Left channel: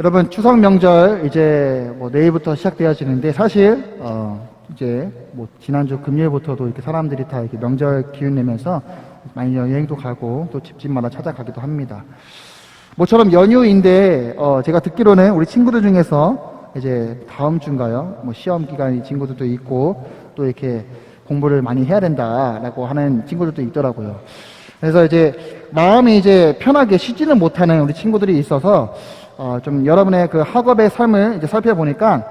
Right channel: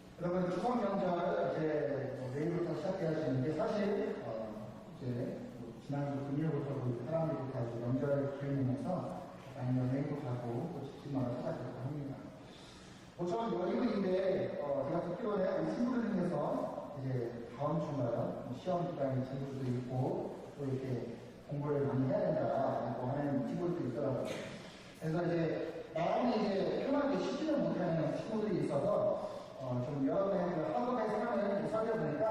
여러분, 추석 명절 이제 내일부터 시작되어지는데 사실 이제 지난주 금요일부터도 이렇게 사람들이 다 이렇게 명절 기운 내면서 많이 여행도 가고 또 집집마다 찾아가기도 합니다. 모처럼 연휴인데 제가 듣기로는 우리 친구들 중에서 이제 다음 주인가요? 시험 기간이 친구들도 있고 또 이렇게 공부를 많이 해야 된다라고 하는 친구들도 있더라고요. 그래서 이제 마음이 이제 편하게 쉬지는 못하는 우리 친구들이 있어서 좀 여러분의 그 학업의 삶을 이제 살펴보니까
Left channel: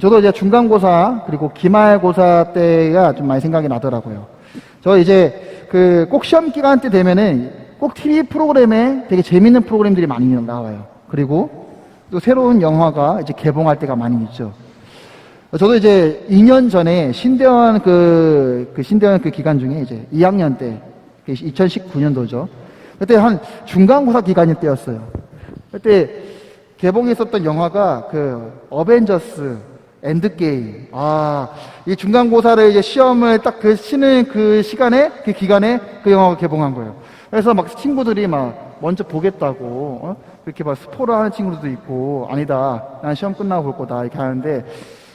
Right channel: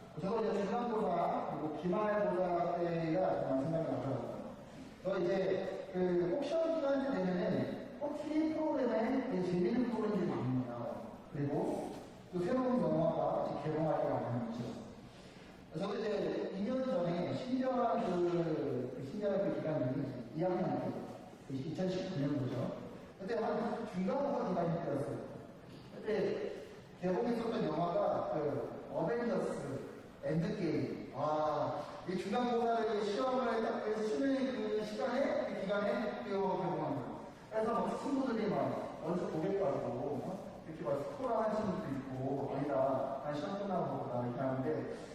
저도 이제 중간고사 그리고 기말고사 때가 좀 많이 생각이 나더라고요. 저 이제 그 꼭 시험 기간 때 되면은 꼭 TV 프로그램에 되게 재밌는 프로그램들이 많이 나와요. 그리고 또 새로운 영화가 이제 개봉할 때가 많이 있죠. 저도 이제 2년 전에 신대원 신대원 그 기간 중에 이제 2학년 때 2019년도죠. 그때 한 중간고사 기간일 때였어요. 그때 개봉했었던 영화가 그 어벤져스 엔드게임. 이 중간고사를 이제 시험을 딱 쉬는 그 시간에, 그 기간에 그 영화가 개봉한 거예요. 그래서 막 친구들이 막 먼저 보겠다고, 그렇게 막 스포를 하는 친구들도 있고, 아니다, 난 시험 끝나고 볼 거다, 이렇게 하는데,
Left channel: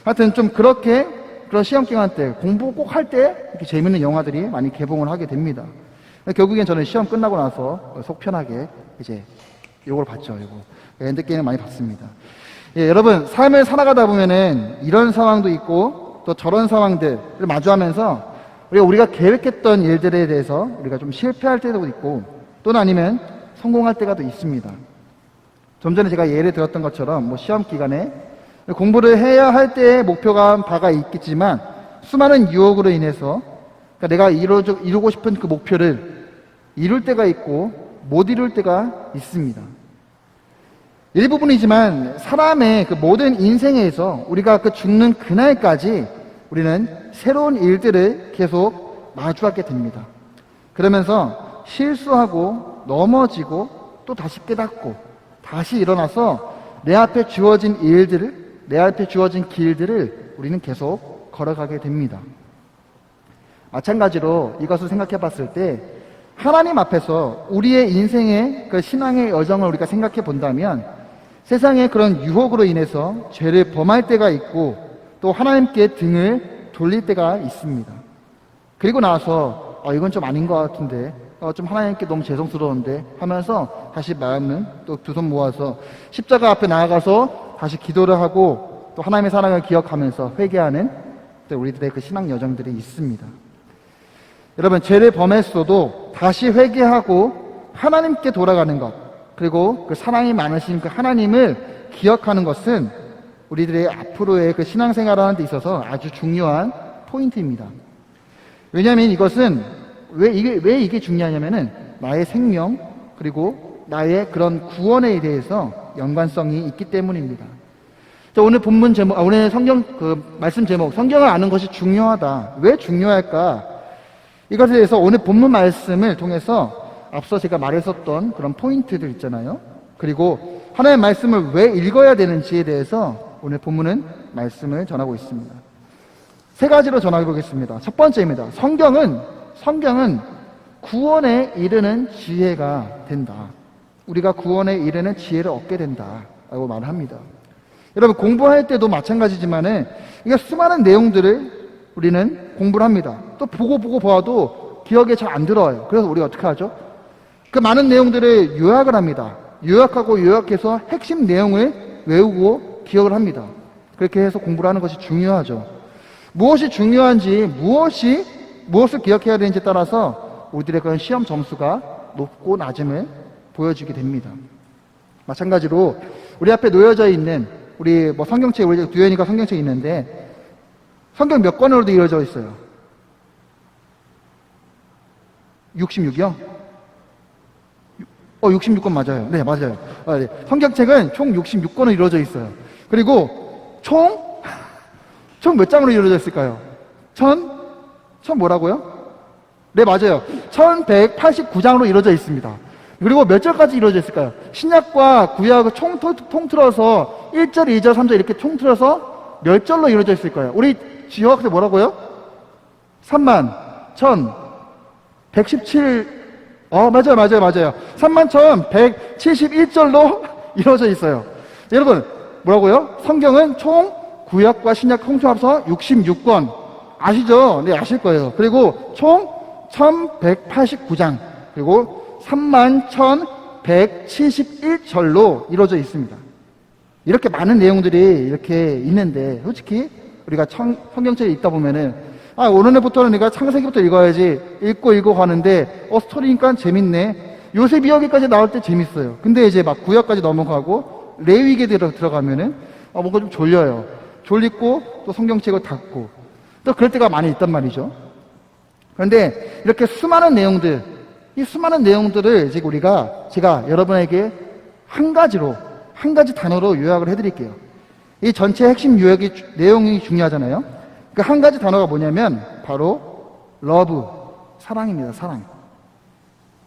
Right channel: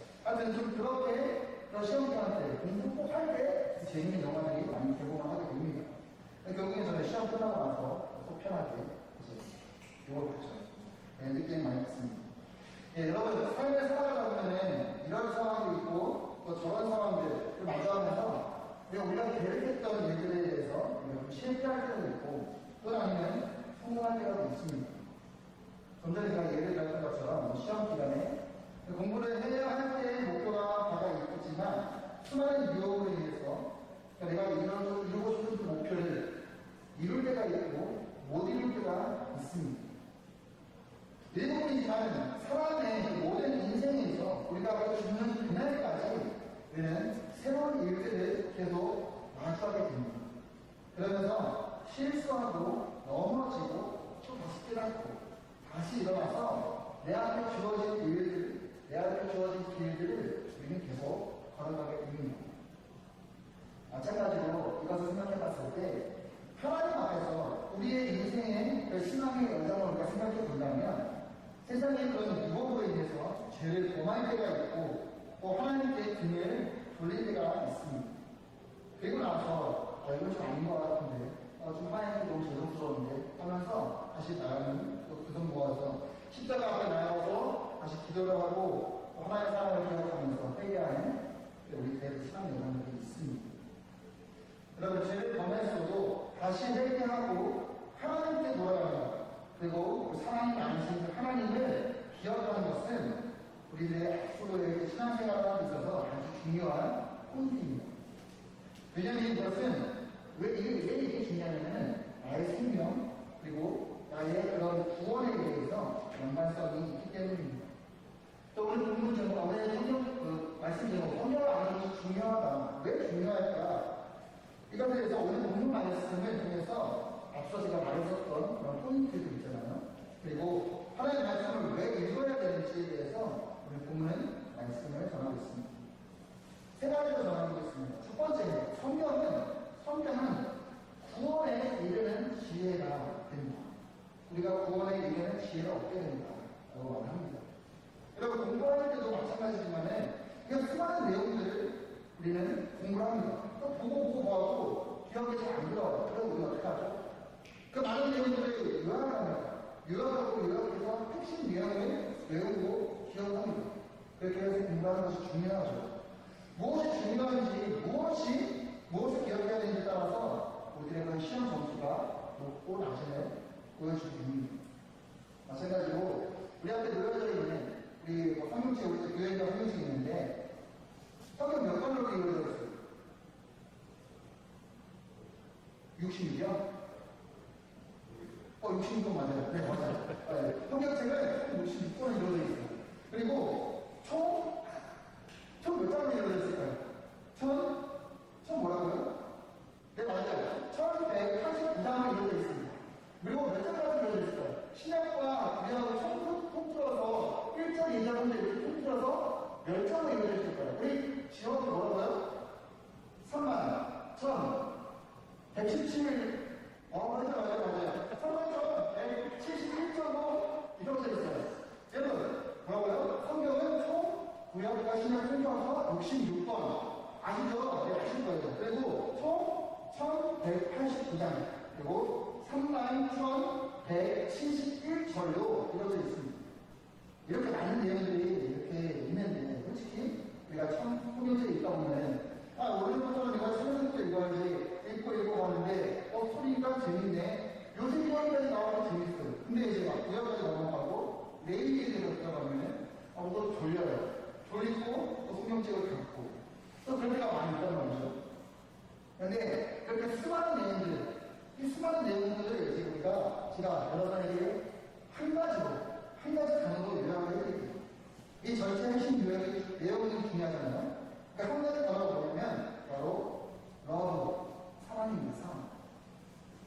하여튼 좀 그런 시험 기간 때, 공부 꼭 할 때, 이렇게 재밌는 영화들이 많이 개봉을 하게 됩니다. 결국엔 저는 시험 끝나고 나서 속 편하게 이제 이걸 봤죠, 이거. 엔드게임을 많이 봤습니다. 예, 여러분, 삶을 살아가다 보면은 이런 상황도 있고 또 저런 상황들을 마주하면서 우리가 계획했던 일들에 대해서 우리가 좀 실패할 때도 있고 또는 아니면 성공할 때가 또 있습니다. 좀 전에 제가 예를 들었던 것처럼 시험 기간에 공부를 해야 할 때의 목표가 바가 있겠지만 수많은 유혹으로 인해서 그러니까 내가 이루고 싶은 그 목표를 이룰 때가 있고 못 이룰 때가 있습니다. 일부분이지만 사람의 그 모든 인생에서 우리가 그 죽는 그날까지 우리는 새로운 일들을 계속 마주하게 됩니다. 그러면서 실수하고 넘어지고 또 다시 깨닫고 다시 일어나서 내 앞에 주어진 일들을, 내 앞에 주어진 길들을 우리는 계속 걸어가게 됩니다. 마찬가지로 이것을 생각해 봤을 때 하나님 앞에서 우리의 인생의 그 신앙의 여정을 우리가 생각해 본다면 세상의 그런 유혹으로 인해서 죄를 범할 때가 있고 또 하나님께 등을 돌릴 때가 있습니다. 그리고 나서 이건 좀 아닌 것 같은데 좀 하나님께 너무 죄송스러운데 하면서 다시 마음은 또 두 손 모아서 십자가 앞에 나아가서 다시 기도를 하고 또 하나님의 사랑을 기억하면서 회개하는 우리들의 그 신앙 여정들이 있습니다. 여러분, 죄를 범했어도 다시 회개하고 하나님께 돌아가는 것 그리고 그 사랑이 많으신 그 하나님을 기억하는 것은 우리들의 앞으로의 그 신앙생활을 하는 데 있어서 아주 중요한 포인트입니다. 왜냐하면 이것은 왜 이게 중요하냐면은 나의 생명 그리고 나의 그런 구원에 대해서 연관성이 있기 때문입니다. 자, 오늘 본문 제목, 오늘 성경 그 말씀 제목, 성경을 아는 것이 중요하다. 왜 중요할까? 이것에 대해서 오늘 본문 말씀을 통해서 앞서 제가 말했었던 그런 포인트들 있잖아요. 그리고 하나님의 말씀을 왜 읽어야 되는지에 대해서 오늘 본문은 말씀을 전하고 있습니다. 세 가지로 전하고 보겠습니다. 첫 번째입니다. 성경은 구원에 이르는 지혜가 된다. 우리가 구원에 이르는 지혜를 얻게 된다. 라고 말을 합니다. 여러분, 공부할 때도 마찬가지지만은 이게 수많은 내용들을 우리는 공부를 합니다. 또 보고 봐도 기억에 잘 안 들어요. 그래서 우리가 어떻게 하죠? 그 많은 내용들을 요약을 합니다. 요약해서 핵심 내용을 외우고 기억을 합니다. 그렇게 해서 공부를 하는 것이 중요하죠. 무엇이 중요한지, 무엇을 기억해야 되는지에 따라서 우리들의 그런 시험 점수가 높고 낮음을 보여주게 됩니다. 마찬가지로 우리 앞에 놓여져 있는 우리 성경책, 우리 두현이가 성경책이 있는데 성경 몇 권으로도 이루어져 있어요? 66이요? 66권 맞아요. 네, 맞아요. 네. 성경책은 총 66권으로 이루어져 있어요. 그리고 총 몇 장으로 이루어져 있을까요? 천 뭐라고요? 네, 맞아요. 1189장으로 이루어져 있습니다. 그리고 몇 절까지 이루어져 있을까요? 신약과 구약을 통틀어서 1절, 2절, 3절 이렇게 통틀어서 몇 절로 이루어져 있을까요? 우리 지효학생 뭐라고요? 31,117 맞아요. 31,171절로 이루어져 있어요. 여러분, 뭐라고요? 성경은 총 구약과 신약 통틀어서 66권. 아시죠? 네, 아실 거예요. 그리고 총 1189장, 그리고 31,171절로 이루어져 있습니다. 이렇게 많은 내용들이 이렇게 있는데, 솔직히 우리가 성경책에 읽다 보면은, 오늘부터는 내가 창세기부터 읽어야지, 읽고 가는데, 스토리니까 재밌네. 요셉 이야기까지 나올 때 재밌어요. 근데 이제 막 구약까지 넘어가고, 레위기에 들어가면은, 뭔가 좀 졸려요. 졸리고, 또 성경책을 닫고, 또 그럴 때가 많이 있단 말이죠. 그런데 이렇게 수많은 내용들, 이 수많은 내용들을 지금 제가 여러분에게 한 가지 단어로 요약을 해드릴게요. 이 전체 핵심 내용이 중요하잖아요. 그 한 가지 단어가 뭐냐면 바로 러브, 사랑입니다. 사랑.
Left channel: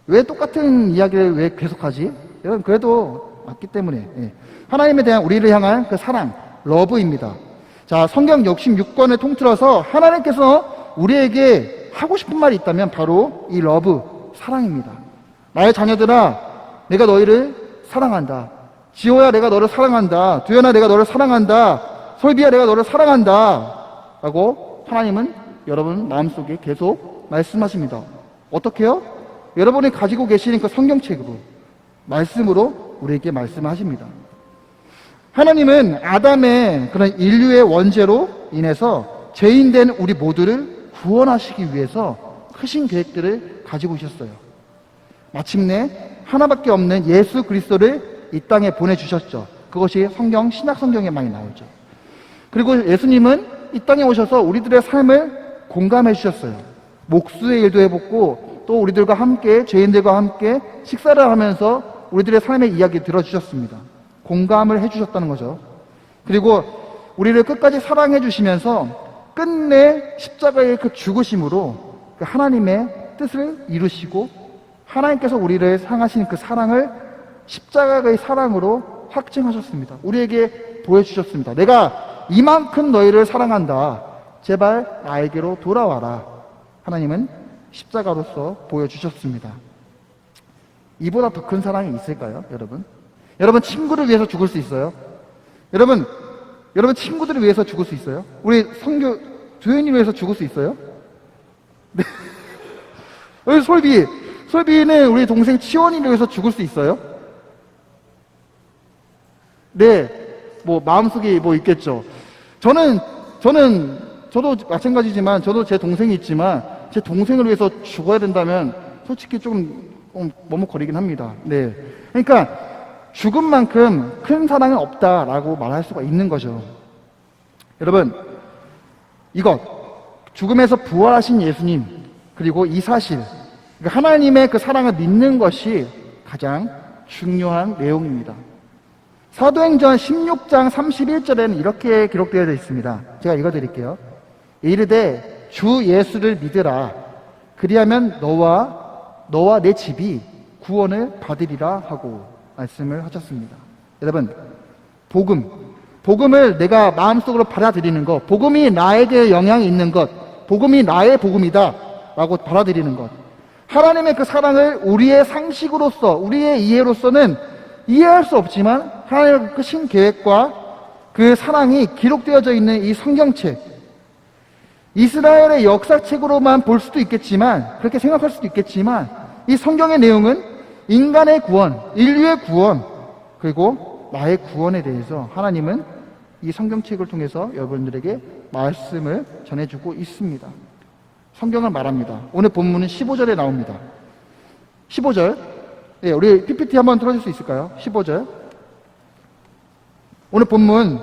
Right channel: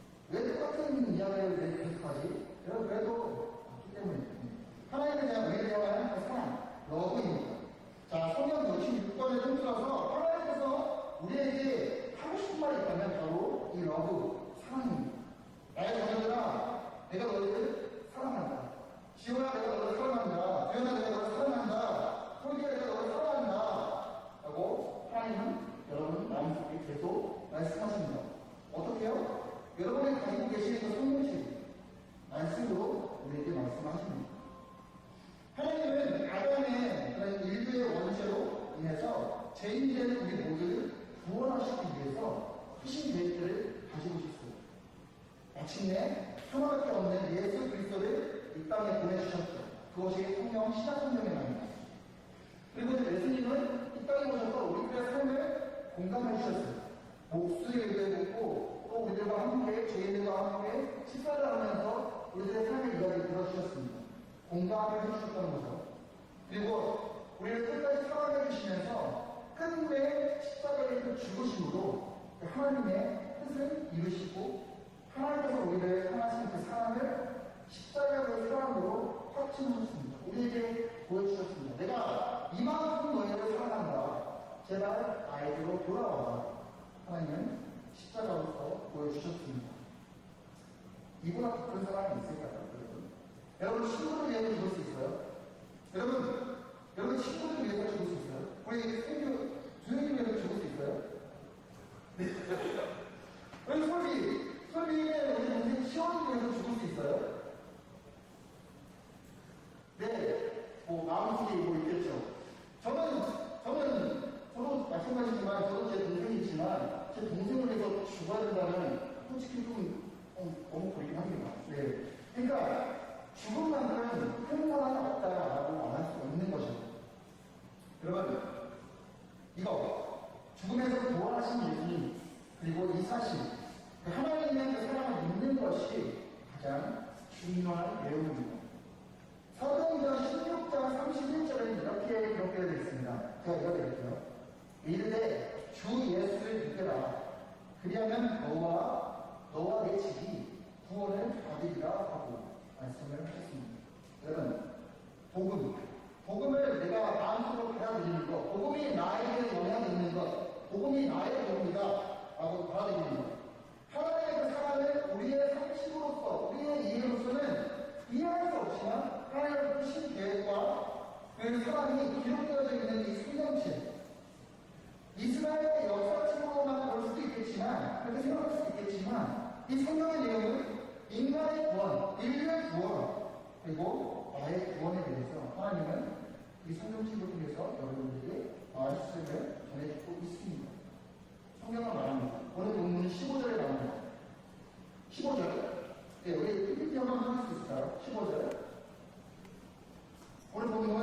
왜 똑같은 이야기를 왜 계속하지? 여러분, 그래도 맞기 때문에. 예. 하나님에 대한 우리를 향한 그 사랑, 러브입니다. 자, 성경 66권을 통틀어서 하나님께서 우리에게 하고 싶은 말이 있다면 바로 이 러브, 사랑입니다. 나의 자녀들아, 내가 너희를 사랑한다. 지호야, 내가 너를 사랑한다. 두현아, 내가 너를 사랑한다. 솔비야, 내가 너를 사랑한다. 라고 하나님은 여러분 마음속에 계속 말씀하십니다. 어떻게요? 여러분이 가지고 계시는 그 성경책으로, 말씀으로 우리에게 말씀하십니다. 하나님은 아담의 그런 인류의 원죄로 인해서 죄인된 우리 모두를 구원하시기 위해서 크신 계획들을 가지고 있었어요. 마침내 하나밖에 없는 예수 그리스도를 이 땅에 보내주셨죠. 그것이 신약 성경에 많이 나오죠. 그리고 예수님은 이 땅에 오셔서 우리들의 삶을 공감해 주셨어요. 목수의 일도 해봤고, 또 우리들과 함께, 죄인들과 함께 식사를 하면서 우리들의 삶의 이야기 들어주셨습니다. 공감을 해주셨다는 거죠. 그리고 우리를 끝까지 사랑해 주시면서 끝내 십자가의 그 죽으심으로 그 하나님의 뜻을 이루시고, 하나님께서 우리를 향하신 그 사랑을 십자가의 사랑으로 확증하셨습니다. 우리에게 보여주셨습니다. 내가 이만큼 너희를 사랑한다. 제발 나에게로 돌아와라. 하나님은 십자가로서 보여주셨습니다. 이보다 더 큰 사랑이 있을까요, 여러분? 여러분, 친구를 위해서 죽을 수 있어요? 여러분 친구들을 위해서 죽을 수 있어요? 우리 성교 두현이 위해서 죽을 수 있어요? 네. 우리 솔비는 우리 동생 치원이를 위해서 죽을 수 있어요? 네. 마음속에 있겠죠. 저도 마찬가지지만, 저도 제 동생이 있지만, 제 동생을 위해서 죽어야 된다면, 솔직히 좀 머뭇거리긴 합니다. 네. 그러니까, 죽음만큼 큰 사랑은 없다라고 말할 수가 있는 거죠. 여러분, 죽음에서 부활하신 예수님, 그리고 이 사실, 하나님의 그 사랑을 믿는 것이 가장 중요한 내용입니다. 사도행전 16장 31절에는 이렇게 기록되어 있습니다. 제가 읽어드릴게요. 이르되 주 예수를 믿으라. 그리하면 너와 내 집이 구원을 받으리라 하고 말씀을 하셨습니다. 여러분, 복음을 내가 마음속으로 받아들이는 것, 복음이 나에게 영향이 있는 것, 복음이 나의 복음이다 라고 받아들이는 것, 하나님의 그 사랑을 우리의 상식으로서, 우리의 이해로서는 이해할 수 없지만 하나님의 그 신계획과 그 사랑이 기록되어져 있는 이 성경책, 이스라엘의 역사책으로만 볼 수도 있겠지만, 그렇게 생각할 수도 있겠지만, 이 성경의 내용은 인간의 구원, 인류의 구원, 그리고 나의 구원에 대해서 하나님은 이 성경책을 통해서 여러분들에게 말씀을 전해주고 있습니다. 성경을 말합니다. 오늘 본문은 15절에 나옵니다. 15절. 네, 우리 PPT 한번 틀어줄 수 있을까요? 15절. 오늘 본문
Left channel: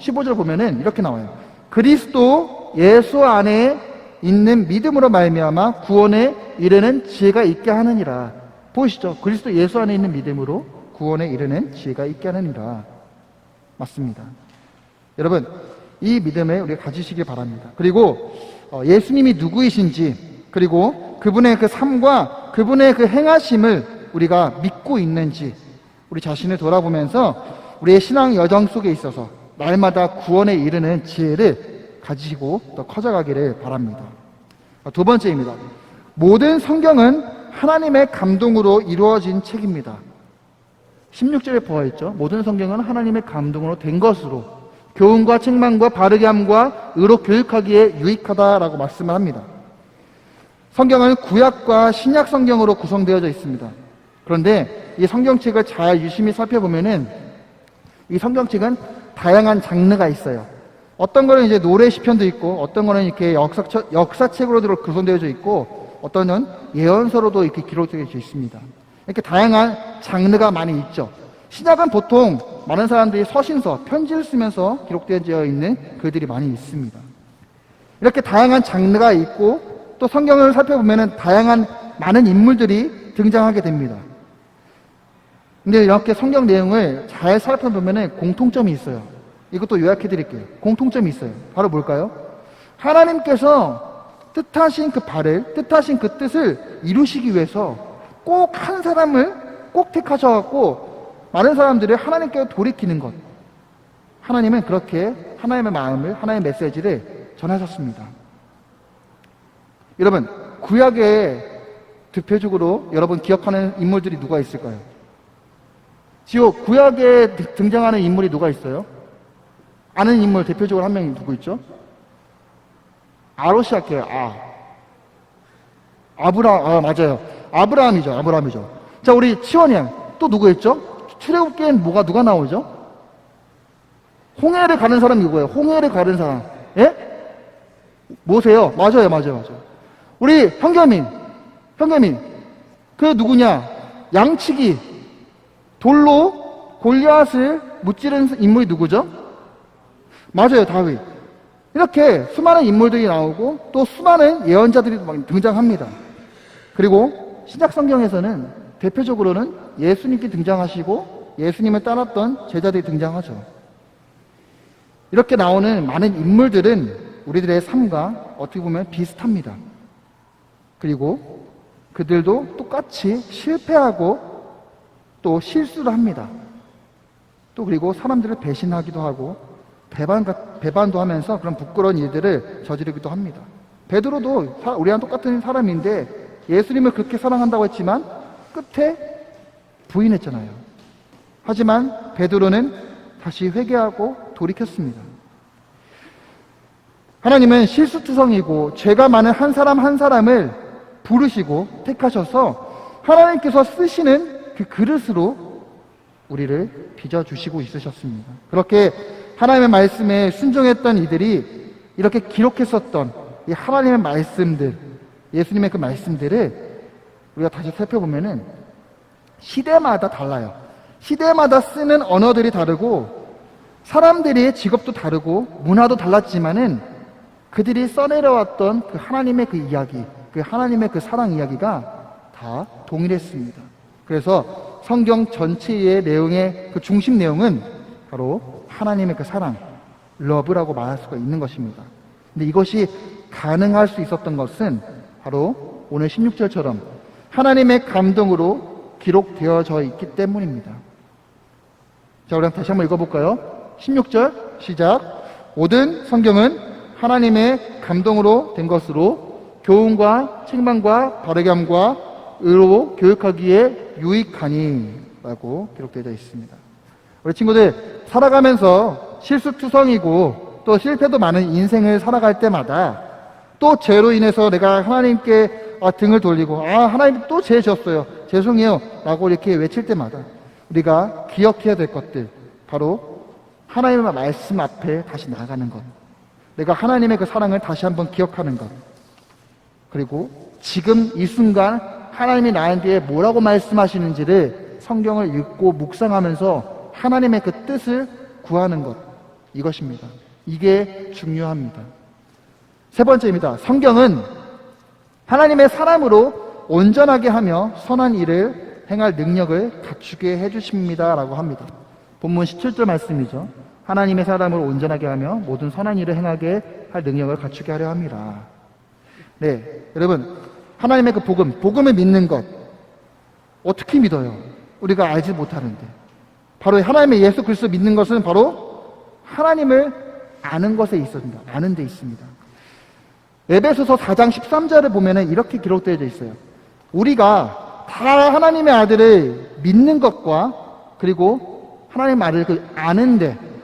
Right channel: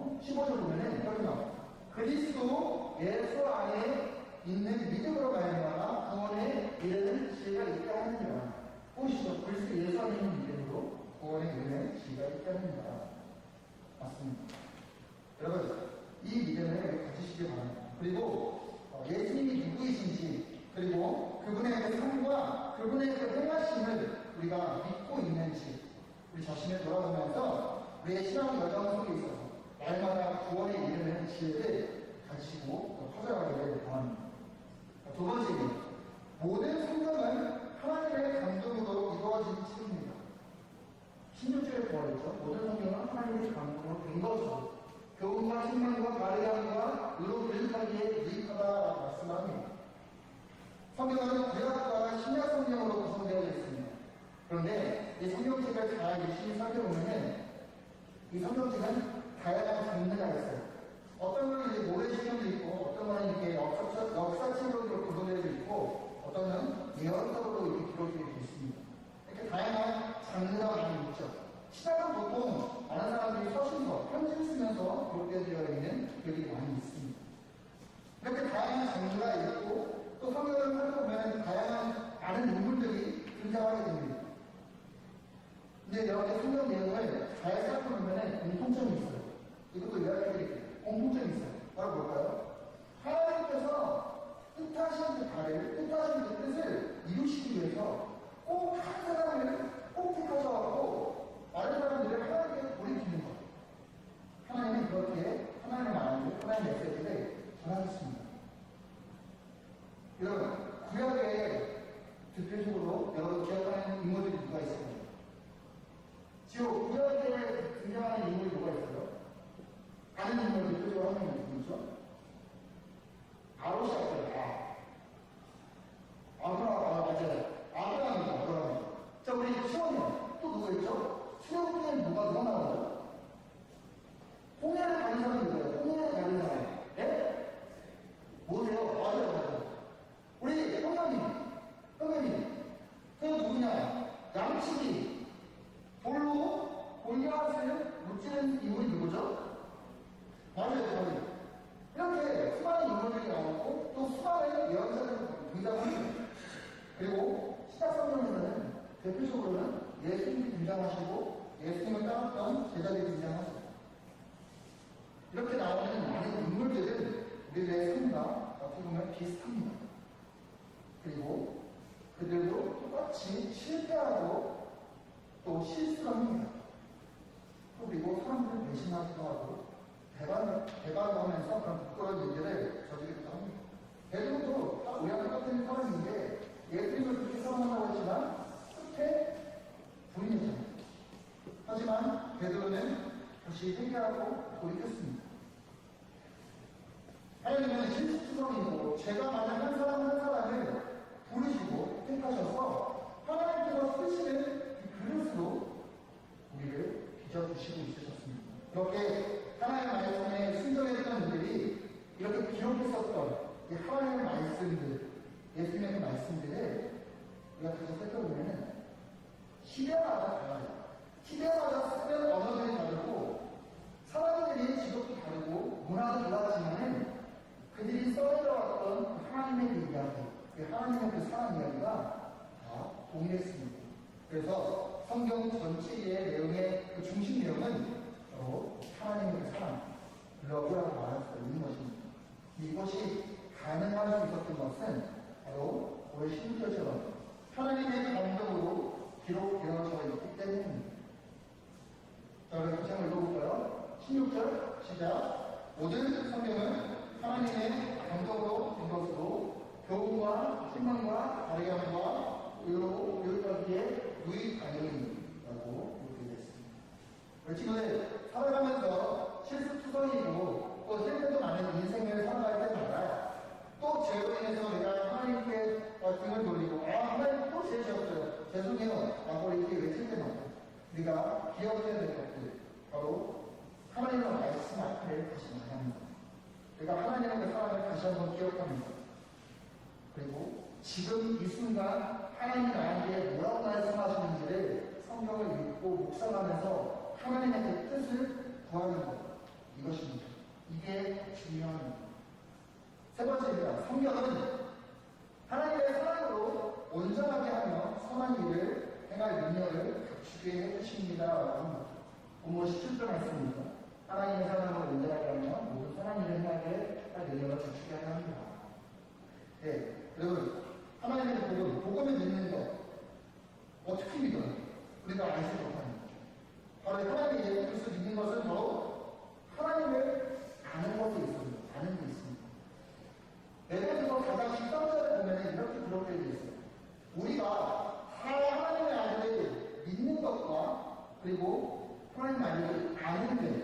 15절 보면은 이렇게 나와요. 그리스도 예수 안에 있는 믿음으로 말미암아 구원에 이르는 지혜가 있게 하느니라. 보이시죠? 그리스도 예수 안에 있는 믿음으로 구원에 이르는 지혜가 있게 하느니라. 맞습니다. 여러분, 이 믿음을 우리가 가지시길 바랍니다. 그리고 예수님이 누구이신지, 그리고 그분의 그 삶과 그분의 그 행하심을 우리가 믿고 있는지 우리 자신을 돌아보면서 우리의 신앙 여정 속에 있어서 날마다 구원에 이르는 지혜를 가지시고 더 커져가기를 바랍니다. 두 번째입니다. 모든 성경은 하나님의 감동으로 이루어진 책입니다. 16절에 보아있죠. 모든 성경은 하나님의 감동으로 된 것으로 교훈과 책망과 바르게 함과 의로 교육하기에 유익하다라고 말씀을 합니다. 성경은 구약과 신약 성경으로 구성되어져 있습니다. 그런데 이 성경책을 잘 유심히 살펴보면은 이 성경책은 다양한 장르가 있어요. 어떤 거는 이제 노래 시편도 있고, 어떤 거는 이렇게 역사책으로 구성되어져 있고, 어떤 건 예언서로도 이렇게 기록되어져 있습니다. 이렇게 다양한 장르가 많이 있죠. 신약은 보통 많은 사람들이 서신서, 편지를 쓰면서 기록되어져 있는 글들이 많이 있습니다. 이렇게 다양한 장르가 있고, 또 성경을 살펴보면 다양한 많은 인물들이 등장하게 됩니다. 근데 이렇게 성경 내용을 잘 살펴보면 공통점이 있어요. 이것도 요약해 드릴게요. 공통점이 있어요. 바로 뭘까요? 하나님께서 뜻하신 그 뜻을 이루시기 위해서 꼭 한 사람을 꼭 택하셔갖고 많은 사람들이 하나님께 돌이키는 것. 하나님은 그렇게 하나님의 마음을, 하나님의 메시지를 전하셨습니다. 여러분, 구약에 대표적으로 여러분 기억하는 인물들이 누가 있을까요? 구약에 등장하는 인물이 누가 있어요? 아는 인물 대표적으로 한 명이 누구 있죠? 아로 시작해요. 맞아요. 아브라함이죠. 자, 우리 치원이 형 또 누구 있죠? 출애굽기엔 누가 나오죠? 홍해를 가는 사람이 누구예요? 홍해를 가는 사람. 예? 모세요. 맞아요. 우리 현겸이 그 누구냐? 양치기 돌로 골리앗을 무찌른 인물이 누구죠? 맞아요, 다윗. 이렇게 수많은 인물들이 나오고 또 수많은 예언자들이 등장합니다. 그리고 신약 성경에서는 대표적으로는 예수님께 등장하시고 예수님을 따랐던 제자들이 등장하죠. 이렇게 나오는 많은 인물들은 우리들의 삶과 어떻게 보면 비슷합니다. 그리고 그들도 똑같이 실패하고 또 실수를 합니다. 또 그리고 사람들을 배신하기도 하고 배반도 하면서 그런 부끄러운 일들을 저지르기도 합니다. 베드로도 우리랑 똑같은 사람인데 예수님을 그렇게 사랑한다고 했지만 끝에 부인했잖아요. 하지만 베드로는 다시 회개하고 돌이켰습니다. 하나님은 실수투성이고 죄가 많은 한 사람 한 사람을 부르시고 택하셔서 하나님께서 쓰시는 그 그릇으로 우리를 빚어주시고 있으셨습니다. 그렇게 하나님의 말씀에 순종했던 이들이 이렇게 기록했었던 이 하나님의 말씀들, 예수님의 그 말씀들을 우리가 다시 살펴보면은 시대마다 달라요. 시대마다 쓰는 언어들이 다르고 사람들의 직업도 다르고 문화도 달랐지만은 그들이 써내려왔던 그 하나님의 그 이야기, 그 하나님의 그 사랑 이야기가 다 동일했습니다. 그래서 성경 전체의 내용의 그 중심 내용은 바로 하나님의 그 사랑, 러브라고 말할 수가 있는 것입니다. 근데 이것이 가능할 수 있었던 것은 바로 오늘 16절처럼 하나님의 감동으로 기록되어져 있기 때문입니다. 자, 우리 다시 한번 읽어볼까요? 16절 시작. 모든 성경은 하나님의 감동으로 된 것으로 교훈과 책망과 바르게 함과 의로 교육하기에 유익하니 라고 기록되어 있습니다. 우리 친구들 살아가면서 실수투성이고 또 실패도 많은 인생을 살아갈 때마다 또 죄로 인해서 내가 하나님께 등을 돌리고 하나님 또 죄 졌어요, 죄송해요 라고 이렇게 외칠 때마다 우리가 기억해야 될 것들, 바로 하나님의 말씀 앞에 다시 나아가는 것, 내가 하나님의 그 사랑을 다시 한번 기억하는 것, 그리고 지금 이 순간 하나님이 나에게 뭐라고 말씀하시는지를 성경을 읽고 묵상하면서 하나님의 그 뜻을 구하는 것, 이것입니다. 이게 중요합니다. 세 번째입니다. 성경은 하나님의 사람으로 온전하게 하며 선한 일을 행할 능력을 갖추게 해주십니다 라고 합니다. 본문 17절 말씀이죠. 하나님의 사람으로 온전하게 하며 모든 선한 일을 행하게 할 능력을 갖추게 하려 합니다. 네, 여러분, 하나님의 그 복음을 믿는 것 어떻게 믿어요? 우리가 알지 못하는데. 바로 하나님의 예수 그리스도 믿는 것은 바로 하나님을 아는 것에 있습니다. 아는 데 있습니다. 에베소서 4장 13절을 보면은 이렇게 기록되어 있어요. 우리가 다 하나님의 아들을 믿는 것과 그리고 하나님의 말을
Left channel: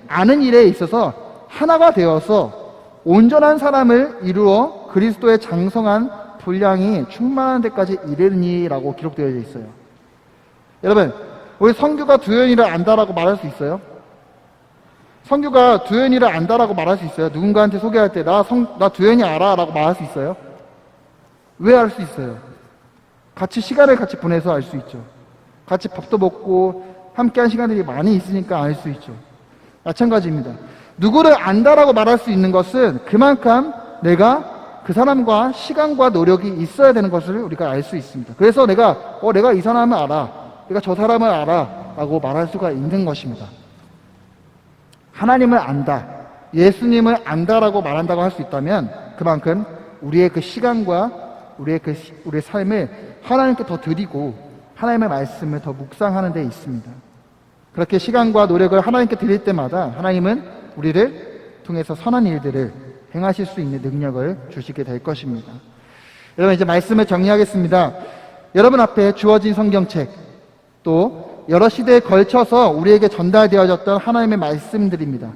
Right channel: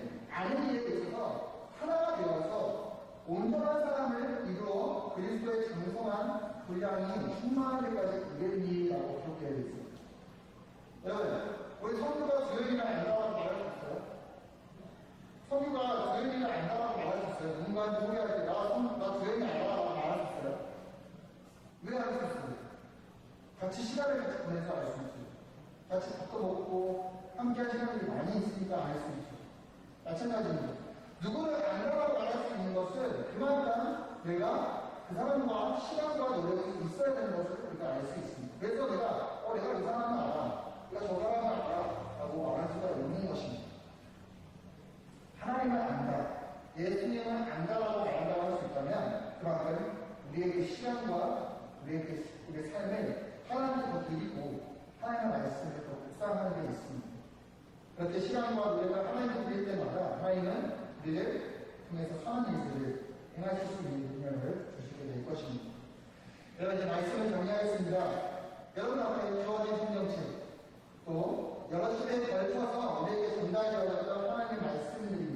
아는 일에 있어서 하나가 되어서 온전한 사람을 이루어 그리스도의 장성한 분량이 충만한 데까지 이르니라고 기록되어 있어요. 여러분, 우리 성규가 두현이를 안다라고 말할 수 있어요? 성규가 두현이를 안다라고 말할 수 있어요? 누군가한테 소개할 때 나 두현이 알아 라고 말할 수 있어요? 왜 알 수 있어요? 같이 시간을 같이 보내서 알 수 있죠. 같이 밥도 먹고 함께한 시간들이 많이 있으니까 알 수 있죠. 마찬가지입니다. 누구를 안다라고 말할 수 있는 것은 그만큼 내가 그 사람과 시간과 노력이 있어야 되는 것을 우리가 알 수 있습니다. 그래서 내가 이 사람을 알아, 내가 저 사람을 알아 라고 말할 수가 있는 것입니다. 하나님을 안다, 예수님을 안다라고 말한다고 할 수 있다면 그만큼 우리의 그 시간과 우리의 삶을 하나님께 더 드리고 하나님의 말씀을 더 묵상하는 데 있습니다. 그렇게 시간과 노력을 하나님께 드릴 때마다 하나님은 우리를 통해서 선한 일들을 행하실 수 있는 능력을 주시게 될 것입니다. 여러분, 이제 말씀을 정리하겠습니다. 여러분 앞에 주어진 성경책, 또 여러 시대에 걸쳐서 우리에게 전달되어졌던 하나님의 말씀들입니다.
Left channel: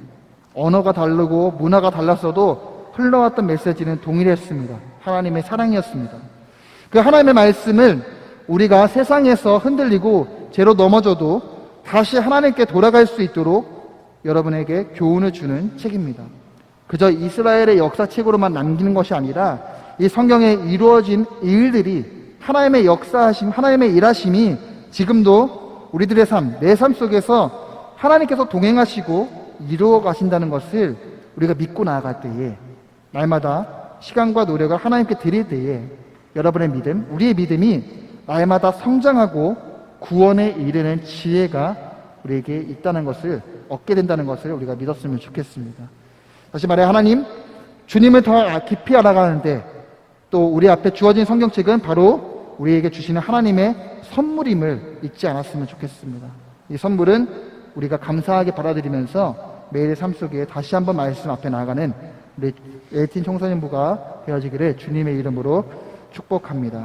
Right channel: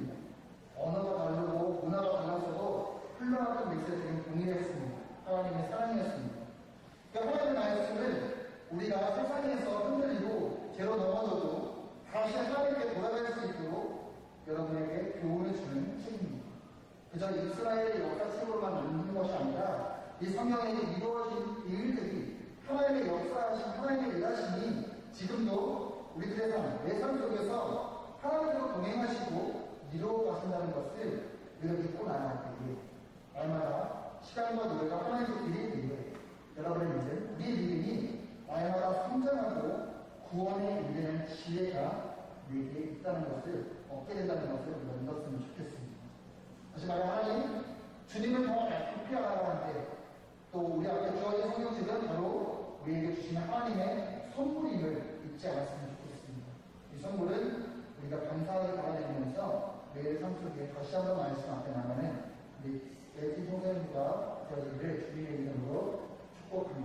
언어가 다르고 문화가 달랐어도 흘러왔던 메시지는 동일했습니다. 하나님의 사랑이었습니다. 그 하나님의 말씀을 우리가 세상에서 흔들리고 죄로 넘어져도 다시 하나님께 돌아갈 수 있도록 여러분에게 교훈을 주는 책입니다. 그저 이스라엘의 역사책으로만 남기는 것이 아니라 이 성경에 이루어진 일들이 하나님의 역사하심, 하나님의 일하심이 지금도 우리들의 삶, 내 삶 속에서 하나님께서 동행하시고 이루어 가신다는 것을 우리가 믿고 나아갈 때에, 날마다 시간과 노력을 하나님께 드릴 때에 여러분의 믿음, 우리의 믿음이 날마다 성장하고 구원에 이르는 지혜가 우리에게 있다는 것을, 얻게 된다는 것을 우리가 믿었으면 좋겠습니다. 다시 말해, 하나님, 주님을 더 깊이 알아가는데 또 우리 앞에 주어진 성경책은 바로 우리에게 주시는 하나님의 선물임을 잊지 않았으면 좋겠습니다. 이 선물은 우리가 감사하게 받아들이면서 매일의 삶 속에 다시 한번 말씀 앞에 나아가는 우리 에이틴 청소년부가 되어지기를 주님의 이름으로 축복합니다.